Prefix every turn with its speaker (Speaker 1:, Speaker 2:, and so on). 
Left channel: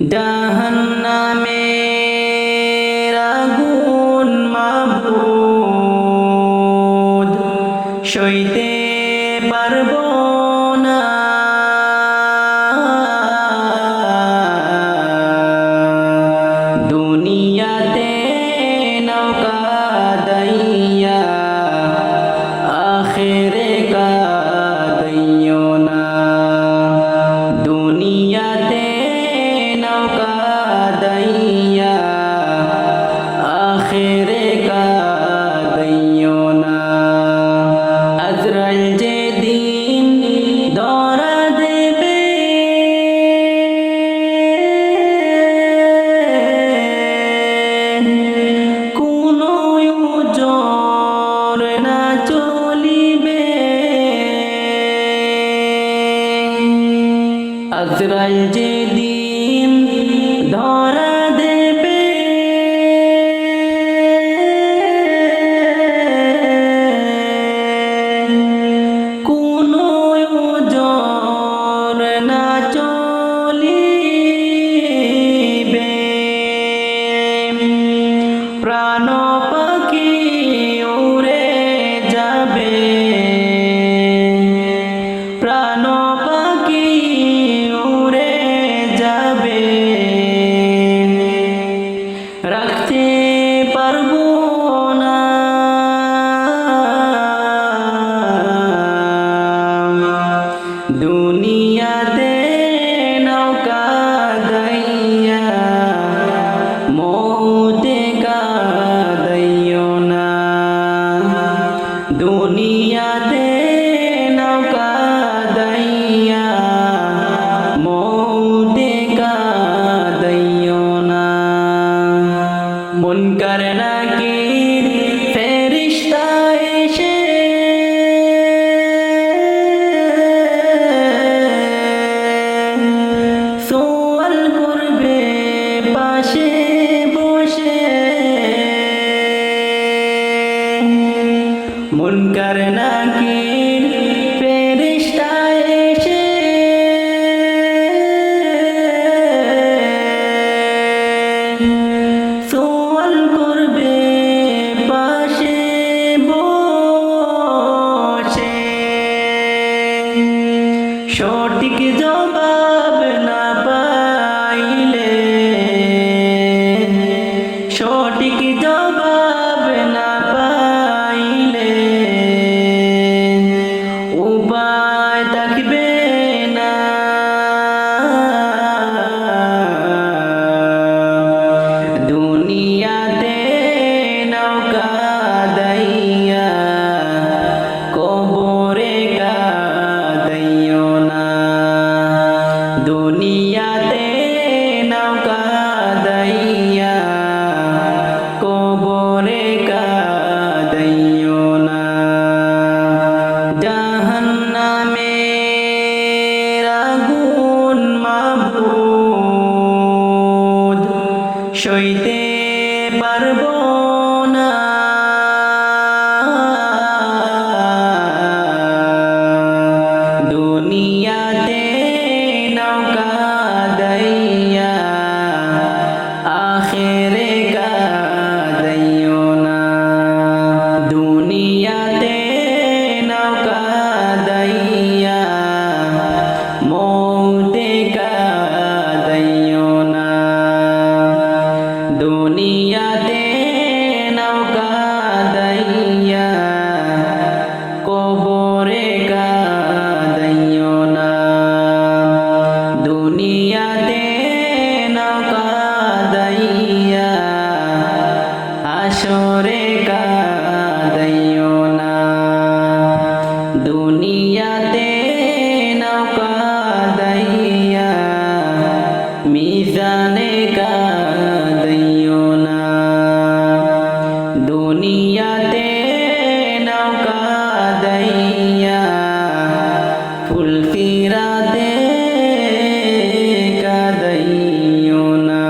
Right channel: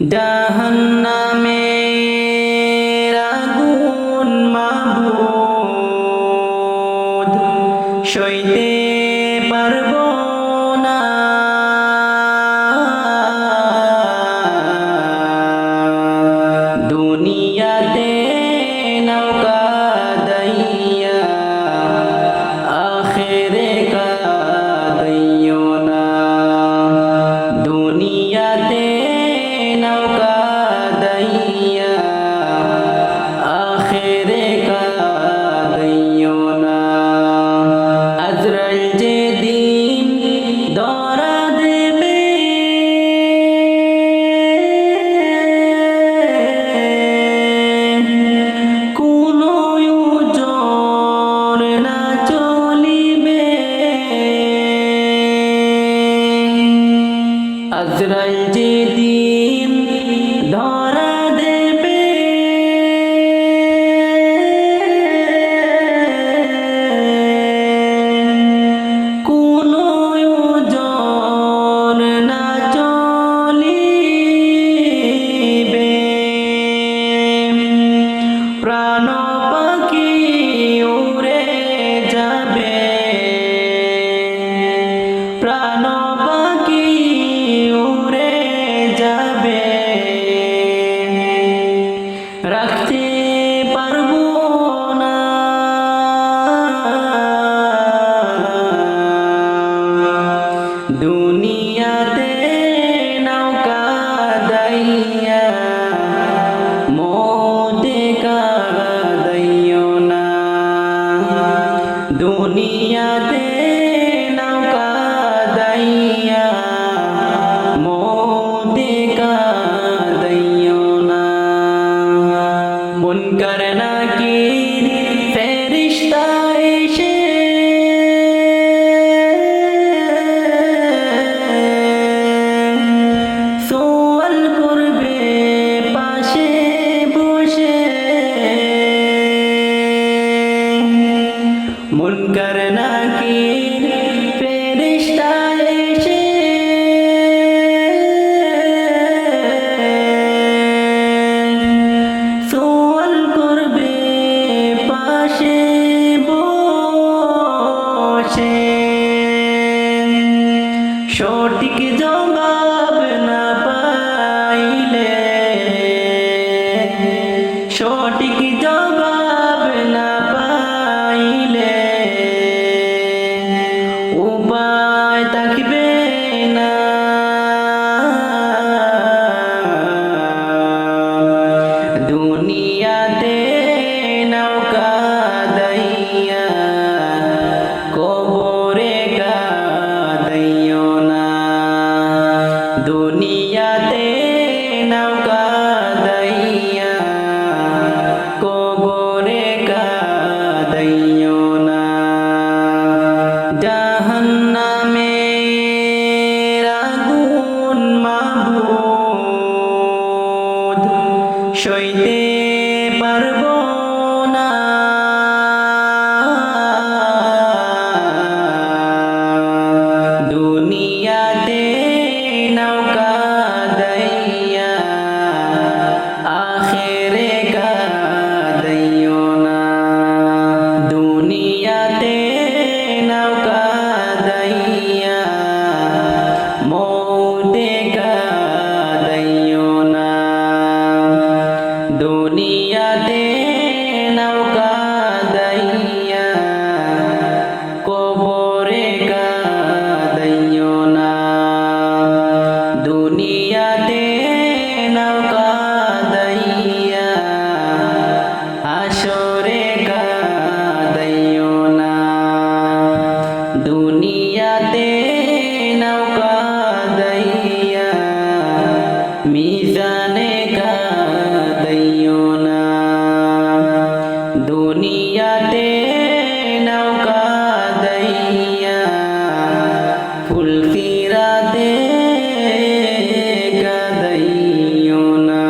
Speaker 1: জাহান্নামে আগুন মাবুদ সইতে পারব না। দুনিয়াতে নৌকা দইয়া আখেরে কাদইও না। দুনিয়াতে নৌকা দইয়া আখেরে কাদইও না। আজরাল যে দিন দরা আজরাল যে দিন ধরা দেবে কোনো না চলিবে রাখতে পারব না। দুনিয়াতে নৌকা দইয়া, মৌতে কাদইও না। দুনিয়াতে নৌকা দইয়া, মৌতে কাদইও না মুনকার নাকির ফেরিস্তা এসে। সোয়াল করবে পাশে বসে। মুনকার নাকির করবে পাশে বসে। সঠিক জবাব না পাইলে সঠিক জবাব না পাইলে উপায় থাকবে না। দুনিয়াতে নৌকা দইয়া, কবরে কাদইও না। দুনিয়াতে নৌকা দইয়া, কবরে কাদইও না। জাহান্নামে আগুন মাবুদ, সইতে দুনিয়াতে নৌকা দইয়া, আখেরে কাদইও না। দুনিয়াতে নৌকা দইয়া, মৌতে কাদইও না। দুনিয়াতে নৌকা দইয়া কবরে কাদইও না। দুনিয়াতে নৌকা দইয়া হাসরে কাদইও না। দুনিয়াতে নৌকা দইয়া মিজানে কাদইও না। দুনিয়াতে নৌকা দইয়া ফুল ফিরাতে কাদইও না।